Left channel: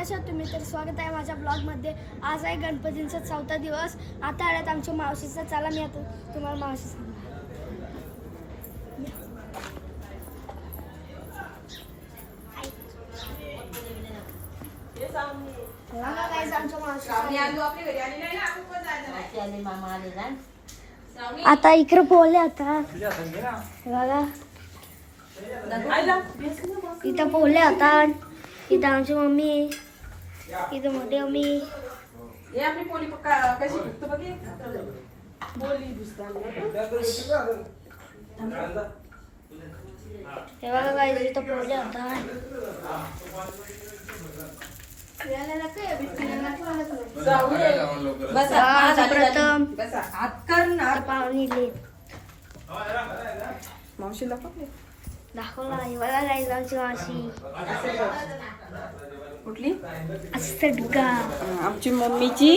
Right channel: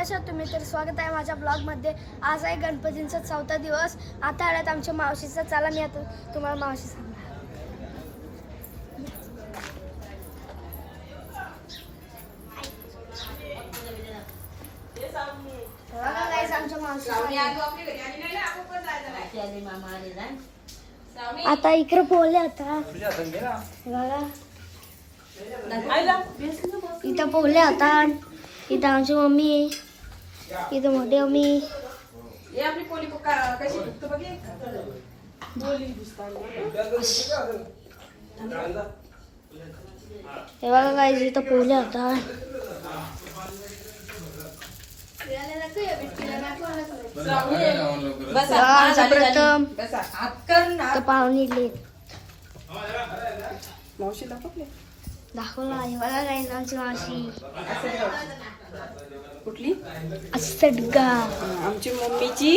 कशा तुम्ही? तर स्वागत आहे माझ्या ब्लॉगमध्ये. आज आहे गणपतींचा चौथा दिवस. आता आल्यात आमच्या मावशीचा. चला मी आता तुम्हाला मावशी सांगणार. आता इकडे बोलले आता. इथं पोहले आता. इथं आमची मम्मी इथं मोठी मम्मी हे आपली पोली का- कशी तू बघ हे. हे बघा काय इथं पोहले आता जाऊ ये. बसा. बघा, आमचं हात प्रथम बसा. हात कर ना आता पाहुणे निघले मावशीला कुठले दाखवला हे बघा काय आमची मावशी कुठली? असडगा आमची मम्मीची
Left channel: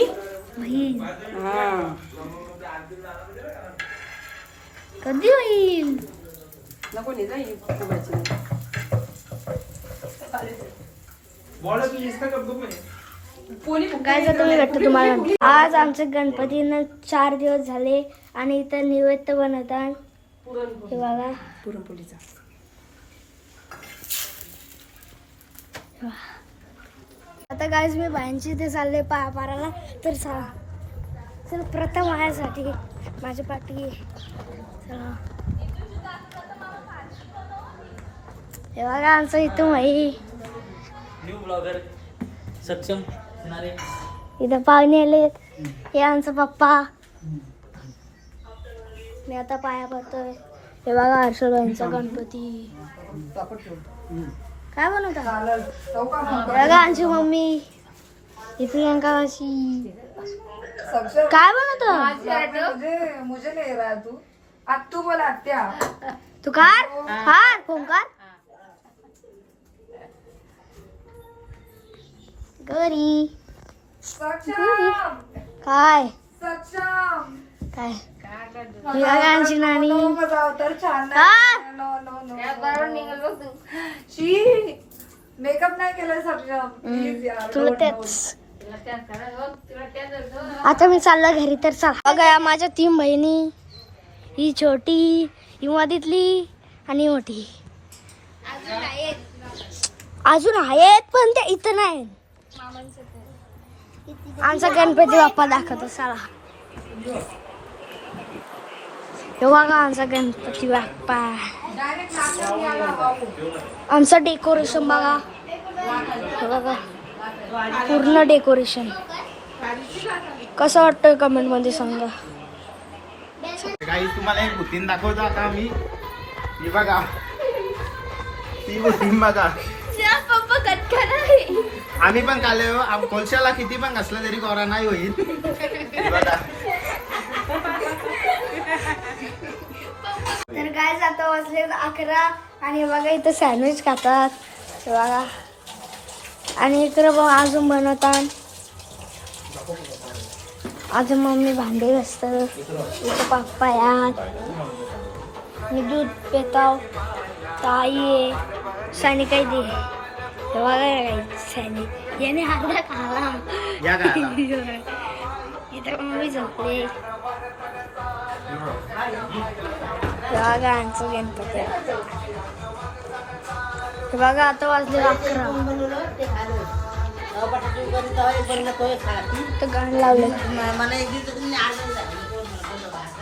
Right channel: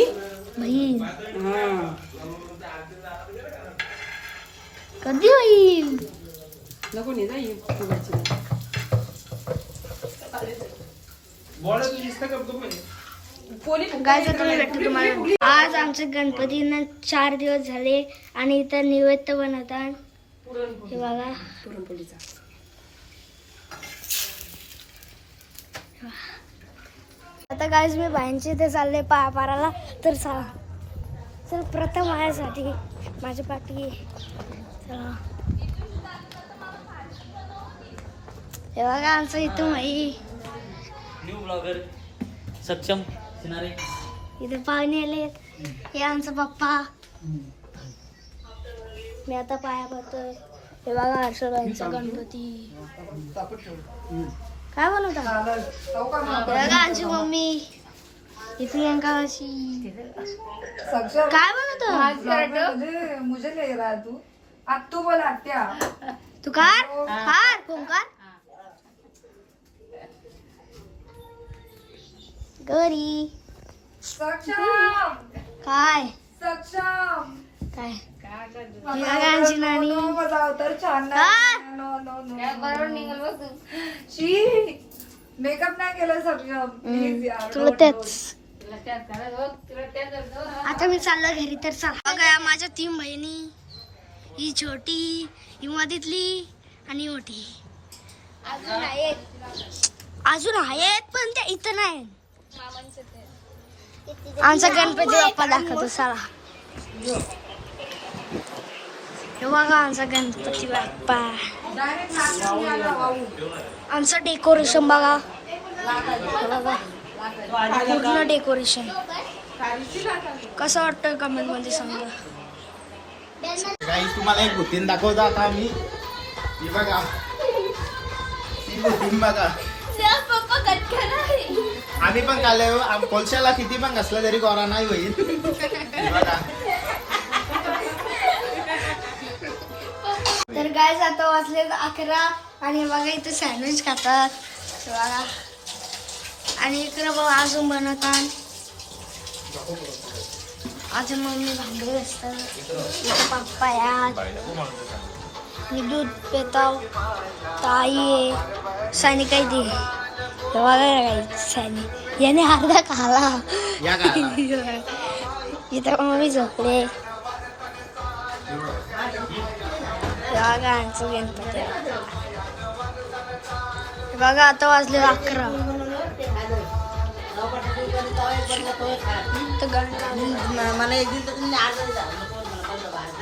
बहीण हा. कधी होईल? नको नाही काय तुम्ही भेटतो तुम्हाला. आज आमचे गणपतींना चार दिवस झाले आणि इथं नैवेद्य बनवतात हे बघा. पुरणपोळीचा. आता गाईज मी बाईंची इथे चालले पाया पाराला. तर चला तर प्रथम माझ्यासाठी माझ्या पाठी चला हे बघा आमचं इथं माई. न्यू ब्लॉगर सक्षम सिनारे इथं पाहुणे आले हे आमचा पप्पा. मी आता पाया पडतोय. हे बघा हर्षदांचा गणपती. काय बनवता? बघा आमची मम्मी. ही प्रियंका अशी काय बनवतो? मुझे मुझे ले रहा है तू अब तू बोल तू कार हार गौरी काय? सक्षम. काय? ही बघा आमची नानी मजा तर छान हा? No no no she makeup नाही केलं सक्षम प्लीज यार तुला don't तेच. आता मी चाललो घरी तर चाल. बघा या माझ्या तीन बहिणी. ही छोटी ही मधीतली आणि मोठी. अजून आहेत. पण त्या इथं नाही. आमचा गणपती बाप्पा दाखवतो चला. हे बघा आमचा गणपती बाप्पा? आमचं डेकोरेशन बघा. हे बघा. पूर्ण डेकोरेशन कसं वाटतं कमेंटमध्ये सांगा. काही तुम्हाला एक भूतीन दाखवता का मी ही बघा. ती भूतीन बघा. आम्ही पण काल कोलशाला किती पण घासला तरी कोरा नाही होईल. बघा. काय आता वाजले अकरा आणि बघा इथं सँडविच खातात. बघा. आणि इकडं बघ अजून बनवतात. अजून मम्मी भांडे घासतात. इथं पप्पा यात मी दूध पिताव ताई आहे. सानी काही दे. बघा सानी. याने अर्धा खाला. इथं मम्मी झोपले हे बघा गणपती हे बघा आता वाजले अकरा. इथं गाण लावलं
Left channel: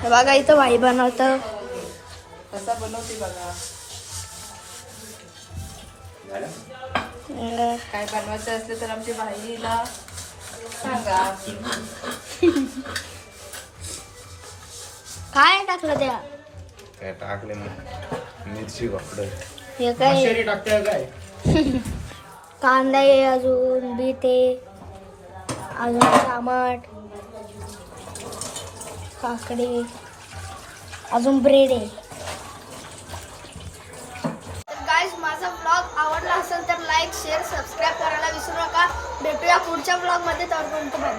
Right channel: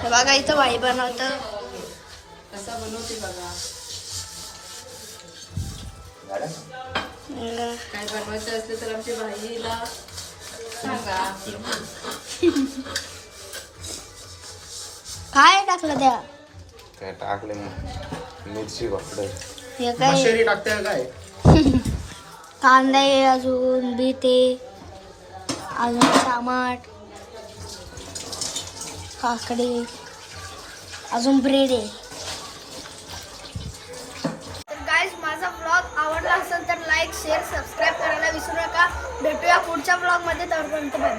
हे बघा इथं भाई बनवत. काय बनवायचं असते तर आमची भाजीला काय टाकलं त्या? ते टाकले मिरची हे काय? मशेरी टाकते काय कांदा आहे अजून बीट आहे अजून टमाट काकडी अजून ब्रेड आहे. गाईज माझा ब्लॉग आवडला असेल तर लाईक शेअर सबस्क्राईब करायला विसरू नका. भेटूया पुढच्या ब्लॉगमध्ये तोपर्यंत बाय